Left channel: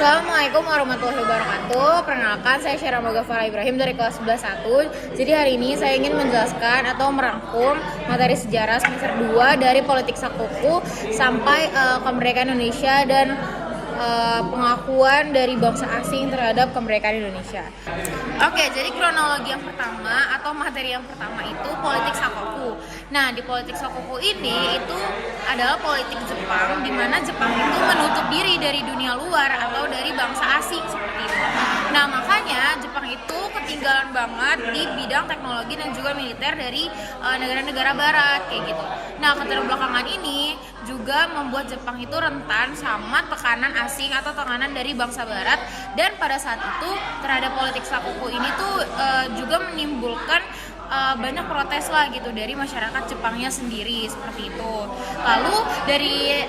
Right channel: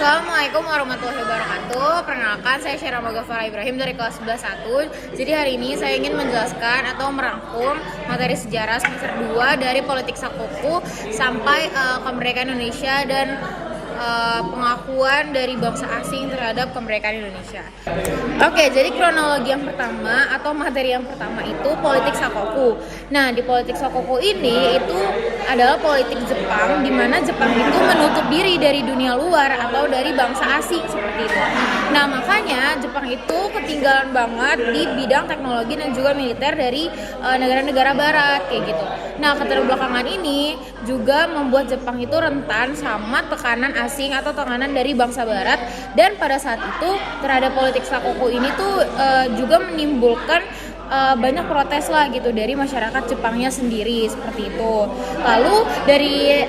Assalamualaikum warahmatullahi wabarakatuh. Perkenalkan, saya Syara Magafara Ibrahim dari kelas 11-1. Jadi hari ini saya ingin menjelaskan atau merangkum materi sejarah semester 2 dari politik Sakoku sampai kemerdekaan Indonesia dan pengakuan dari bangsa asing terhadap kemerdekaan Indonesia. Oke, jadi kronologi yang pertama atau materi yang pertama itu politik Sakoku. Nah, di politik Sakoku ini itu adalah politik Jepang, di mana Jepang itu menutup diri dari dunia luar atau dari bangsa asing seperti itu. Nah, makanya Jepang itu ketinggalan banget di bidang teknologi dan juga militer dari negara-negara barat kayak gitu. Nah, keterbelakangan ini juga membuat Jepang itu rentan sama tekanan asing atau tekanan dari bangsa barat, dan pada saat itu terhadap politik Sakoku ini tuh juga menimbulkan banyak protes lah gitu dari masyarakat Jepangnya sendiri seperti itu. Lalu dari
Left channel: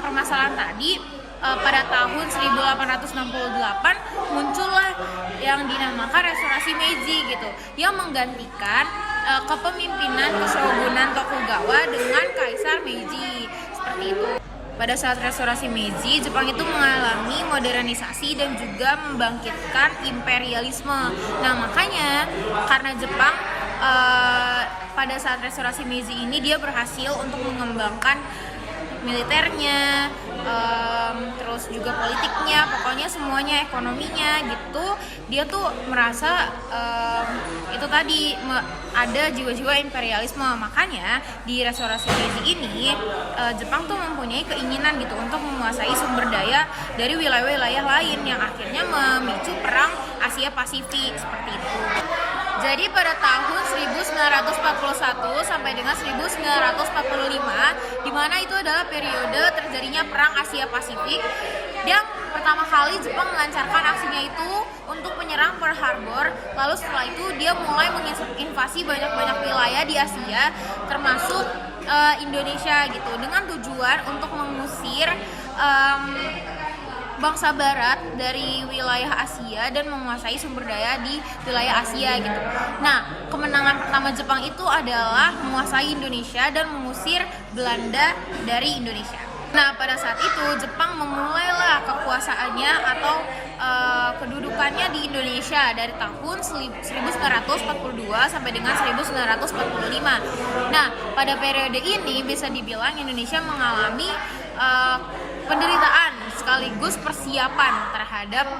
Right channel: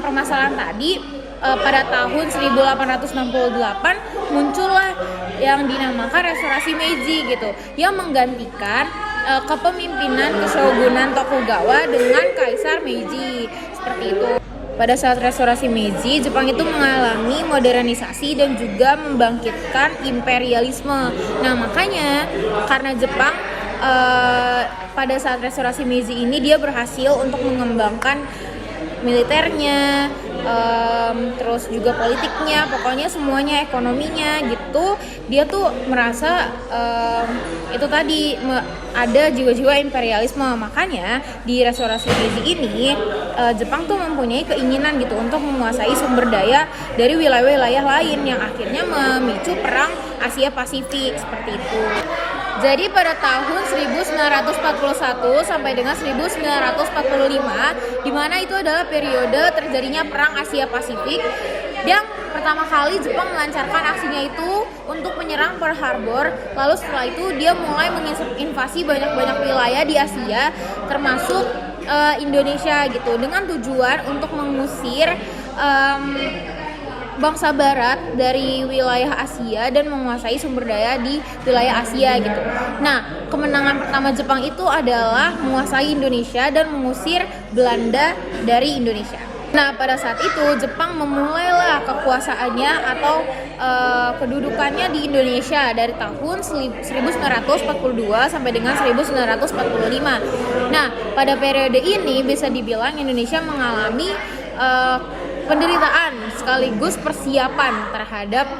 permasalahan tadi pada tahun 1868 muncullah yang dinamakan Restorasi Meiji gitu, yang menggantikan kepemimpinan Keshogunan Tokugawa dengan Kaisar Meiji seperti itu. Pada saat Restorasi Meiji, Jepang itu mengalami modernisasi dan juga membangkitkan imperialisme. Nah, makanya karena Jepang pada saat Restorasi Meiji ini dia berhasil untuk mengembangkan militernya, terus juga politiknya, pokoknya semuanya, ekonominya gitu. Dia tuh merasa itu tadi ada jiwa-jiwa imperialisme. Makanya di Restorasi Meiji ini Jepang tuh mempunyai keinginan gitu untuk menguasai sumber daya dari wilayah-wilayah lain yang akhirnya memicu perang Asia Pasifik seperti itu. Jadi pada tahun 1941 sampai dengan 1945, di mana itu adalah periode terjadinya perang Asia Pasifik, yang pertama kali Jepang melancarkan aksinya itu untuk menyerang Pearl Harbor. Lalu setelah itu dia mulai menginvasi banyak-banyak wilayah di Asia, termasuk Indonesia gitu, dengan tujuan untuk mengusir bangsa barat dari wilayah Asia dan menguasai sumber daya di wilayah Asia gitu. Nah, kemenangan pertama Jepang itu adalah menguasai Indonesia dan mengusir Belanda dari Indonesia. Nah, pada saat itu Jepang memulailah kekuasaannya atau kedudukannya di Indonesia dari tahun 1942 sampai dengan 1945. Nah, pada periode ini bisa dibilang Indonesia mengalami penderitaan sekaligus persiapan terhadap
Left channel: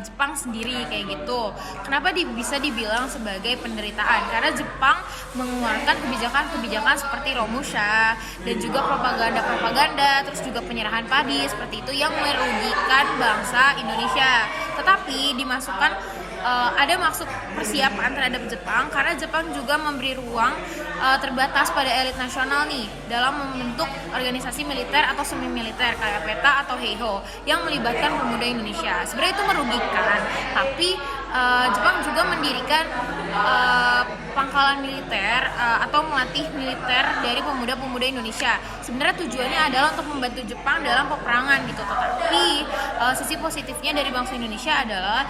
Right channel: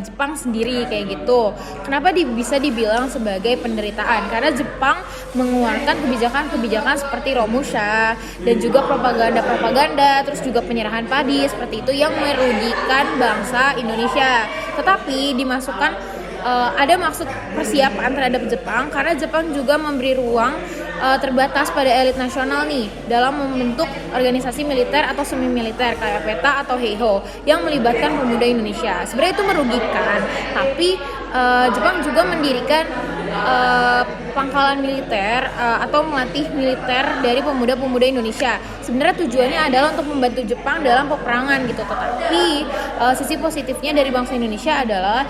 Jepang sendiri kayak gitu. Kenapa bisa dibilang sebagai penderitaan? Karena Jepang mengeluarkan kebijakan-kebijakan seperti Romusha dan juga propaganda, terus juga penyerahan padi seperti itu yang merugikan bangsa Indonesia. Tetapi dimasukkan ada maksud persiapan terhadap Jepang karena Jepang juga memberi ruang terbatas pada elit nasional nih dalam membentuk organisasi militer atau semi militer kayak PETA atau Heiho yang melibatkan pemuda Indonesia. Sebenarnya itu merugikan, tapi Jepang juga mendirikan pangkalan militer atau melatih militer dari pemuda-pemuda Indonesia. Sebenarnya tujuannya adalah untuk membantu Jepang dalam peperangan gitu. Tetapi sisi positifnya dari bangsa Indonesia adalah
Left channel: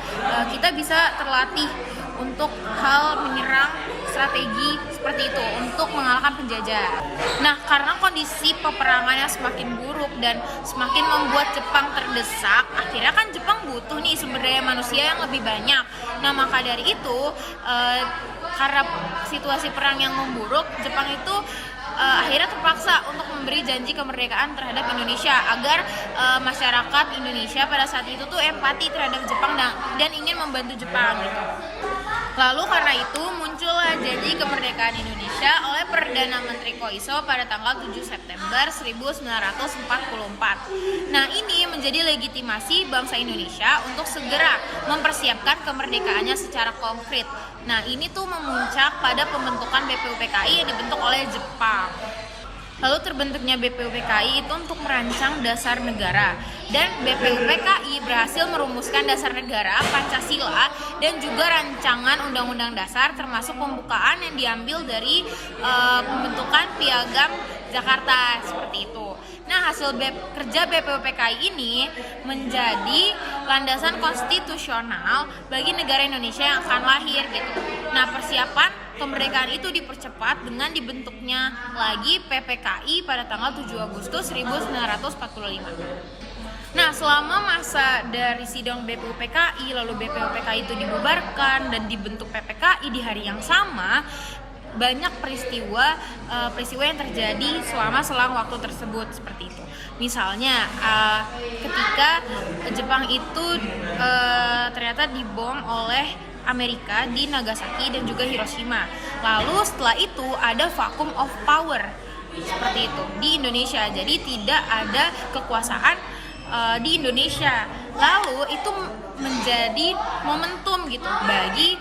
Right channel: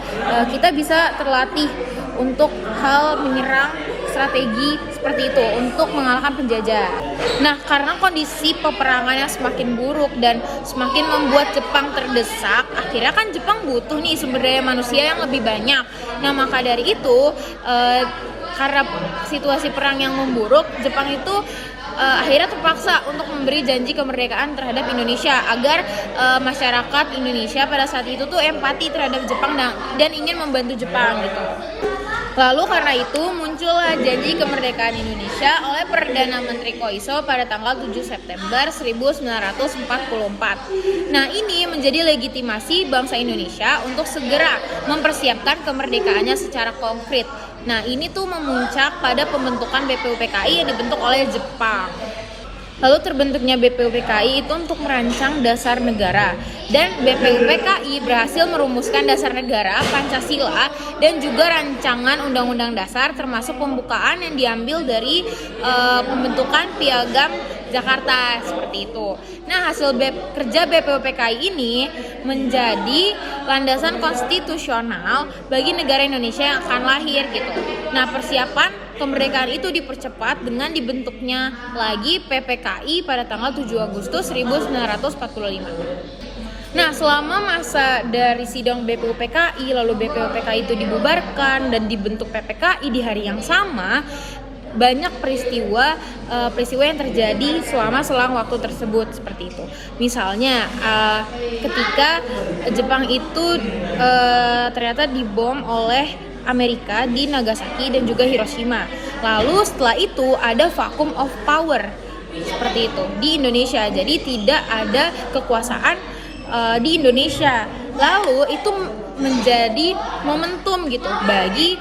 kita bisa terlatih untuk hal menyerang strategi seperti itu untuk mengalahkan penjajah. Nah, karena kondisi peperangan yang semakin buruk dan semakin membuat Jepang terdesak, akhirnya kan Jepang butuh nih sumber daya manusia yang lebih banyak. Nah, maka dari itu karena situasi perang yang memburuk, Jepang itu akhirnya terpaksa untuk memberi janji kemerdekaan terhadap Indonesia agar masyarakat Indonesia pada saat itu tuh empati terhadap Jepang dan ingin membantu Jepang gitu. Lalu karena itu muncullah janji kemerdekaan Indonesia oleh Perdana Menteri Koiso pada tanggal 7 September 1944. Nah, ini menjadi legitimasi bangsa Indonesia untuk segera mempersiapkan kemerdekaannya secara konkret. Nah, ini tuh memuncak pada pembentukan BPUPKI yang dibentuk oleh Jepang. Lalu terbentuknya BPUPKI itu untuk merancang dasar negara, dan BPUPKI berhasil merumuskan dasar negara, Pancasila, dan juga rancangan undang-undang dasar termasuk pembukaan yang diambil dari pembentukan Piagam Jakarta seperti itu. Nah, hasil kerja BPUPKI ini menjadi landasan konstitusional bagi negara Indonesia yang akan lahir gitu. Nah, persiapan kemerdekaan itu dipercepat dengan dibentuknya lagi PPKI pada tanggal 7 Agustus 1945. Nah, selama masa dari sidang BPUPKI, lalu BPUPKI itu dibubarkan dan dibentuk PPKI di hari yang sama, banyak peristiwa yang terjadi selama selang waktu tersebut seperti itu. Misalnya ketika Jepang itu ternyata dibom oleh Amerika di Nagasaki dan juga Hiroshima. Lalu setelah itu ada vacuum of power seperti itu di Indonesia. Jadi tidak ada kekuasaan di Indonesia. Lalu itu menjadi momentum gitu bagi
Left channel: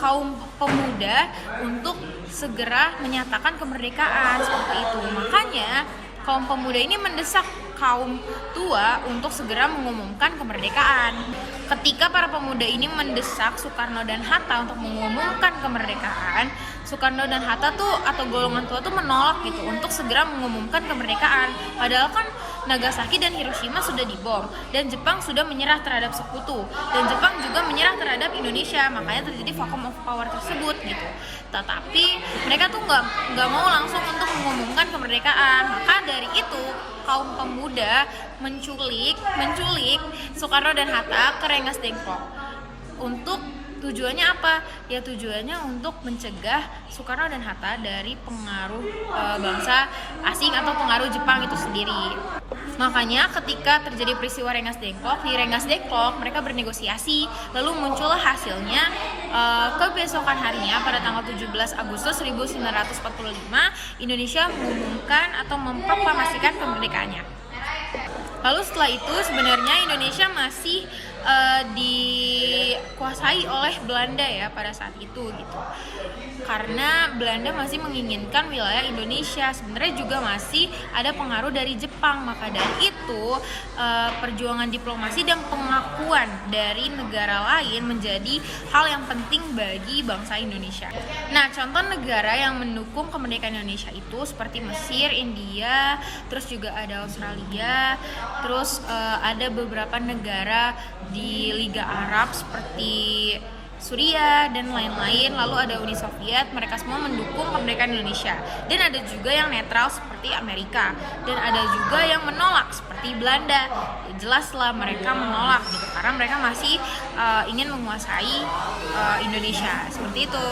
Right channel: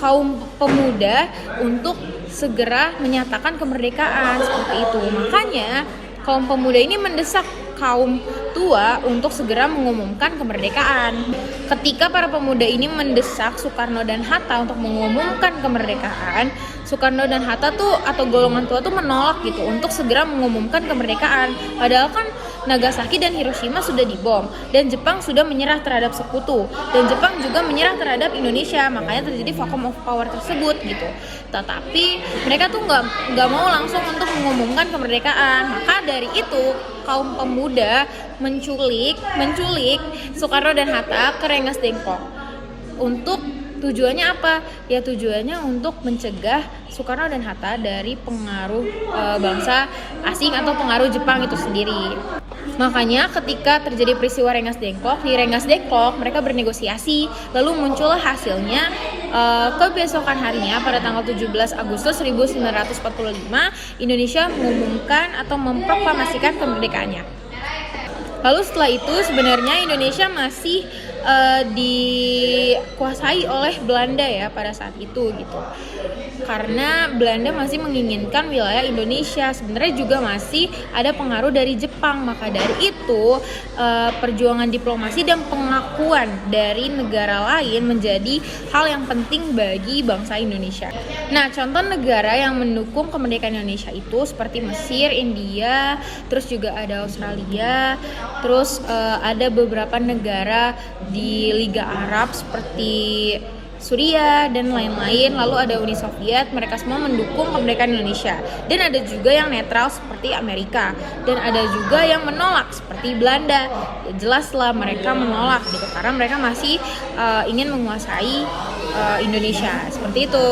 kaum pemuda untuk segera menyatakan kemerdekaan seperti itu. Makanya kaum pemuda ini mendesak kaum tua untuk segera mengumumkan kemerdekaan. Ketika para pemuda ini mendesak Soekarno dan Hatta untuk mengumumkan kemerdekaan, Soekarno dan Hatta tuh atau golongan tua tuh menolak gitu untuk segera mengumumkan kemerdekaan. Padahal kan Nagasaki dan Hiroshima sudah dibom dan Jepang sudah menyerah terhadap sekutu dan Jepang juga menyerah terhadap Indonesia, makanya terjadi vacuum of power tersebut gitu. Tetapi mereka tuh nggak mau langsung untuk mengumumkan kemerdekaan. Maka dari itu kaum pemuda menculik Soekarno dan Hatta ke Rengas Dengklok. Untuk tujuannya apa? Ya tujuannya untuk mencegah Soekarno dan Hatta dari pengaruh bangsa asing atau pengaruh Jepang itu sendiri. Makanya ketika terjadi peristiwa Rengas Dengklok, di Rengas Dengklok mereka bernegosiasi, lalu muncullah hasilnya kebesokan harinya pada tanggal 17 Agustus 1945 Indonesia mengumumkan atau memproklamasikan kemerdekaannya. Lalu setelah itu sebenarnya Indonesia masih dikuasai oleh Belanda ya pada saat itu gitu. Karena Belanda masih menginginkan wilayah Indonesia, sebenarnya juga masih ada pengaruh dari Jepang. Maka dari itu perjuangan diplomasi dan pengakuan dari negara lain menjadi hal yang penting bagi bangsa Indonesia. Nah, contoh negara yang mendukung kemerdekaan Indonesia itu seperti Mesir, India, terus juga ada Australia, terus ada beberapa negara di Liga Arab seperti Suriah dan lain-lain, lalu ada Uni Soviet, mereka semua mendukung kemerdekaan Indonesia. Dan ada juga yang netral seperti Amerika, dan ada juga yang menolak seperti Belanda. Ya, jelaslah mereka menolak gitu karena mereka masih ingin menguasai Indonesia seperti itu.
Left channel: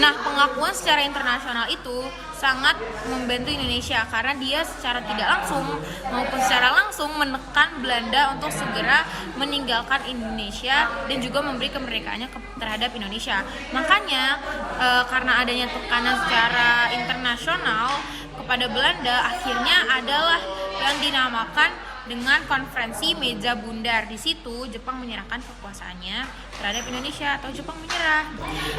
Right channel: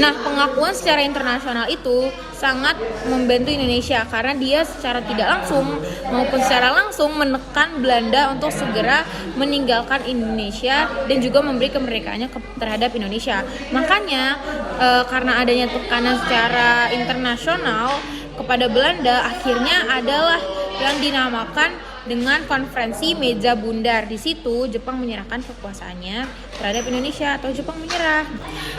Nah, pengakuan secara internasional itu sangat membantu Indonesia karena dia secara tidak langsung maupun secara langsung menekan Belanda untuk segera meninggalkan Indonesia dan juga memberi kemerdekaannya terhadap Indonesia. Makanya karena adanya tekanan secara internasional kepada Belanda, akhirnya adalah yang dinamakan dengan konferensi meja bundar. Di situ Jepang menyerahkan kekuasaannya terhadap Indonesia atau Jepang menyerah.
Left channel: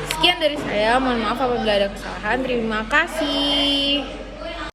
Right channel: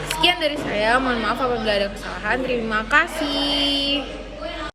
Sekian dari saya, mohon maaf apabila ada kesalahan. Terima kasih.